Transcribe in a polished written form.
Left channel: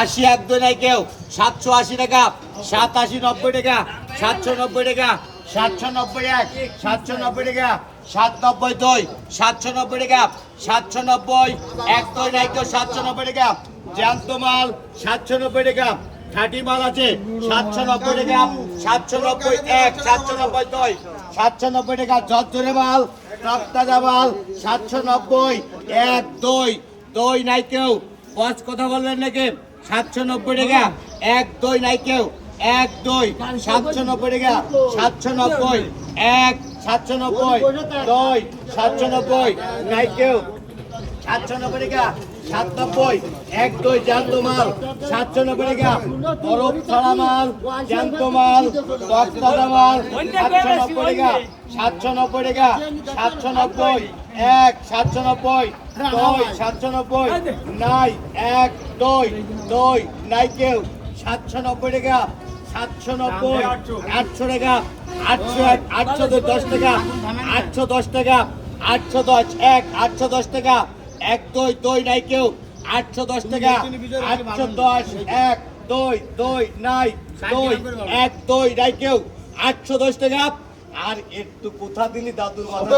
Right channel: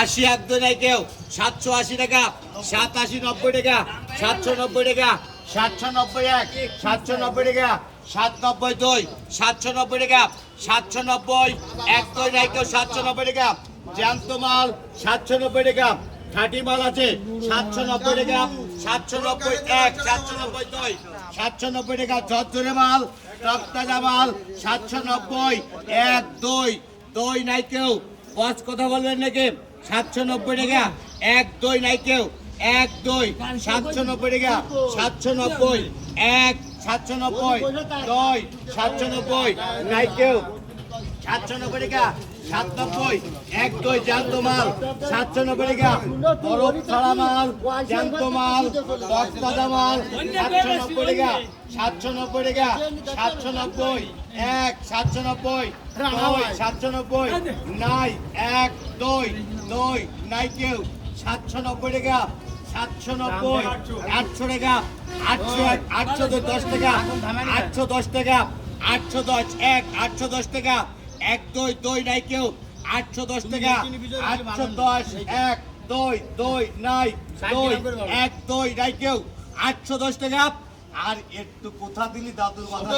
80 এক দুই নাই কেউ 780 টাকা 87 90 টাকা 790 টাকা 790 এক 790 টাকা 790 দুই 790 টাকা 790 এক দুই নাই কেউ 790 টাকা জ্যান্ত মাল 790 টাকা খাঁটি মাল আছে 790 টাকা 790 এক 790 দুই 790 টাকা ঝরঝরে মাল তক্তাজা মাল 790 এক দুই দুই নাই কেউ বস কথা বলবেন নাকি 790 টাকা এক দুই নাই কেউ এক দুই 790 টাকা 790 এক 790 দুই 790 নাই কেউ 790 টাকা 790 এক দুই জ্যান্ত মাল 790 টাকা বরফ ছাড়া মাল জ্যান্ত মাল তক্তাজা মাল 790 টাকা 790 টাকা 790 এক 790 দুই 790 নাই এক দুই দুই নাই কেউ 790 টাকা 790 800 টাকা 810 টাকা 810 টাকা 810 এক 810 টাকা এক দুই দুই নাই কেউ 810 টাকা 810 এক দুই দুই নাই দুই এক দুই নাই কেউ 810 টাকা আর একটু কোথা দিলি দাদুর কথা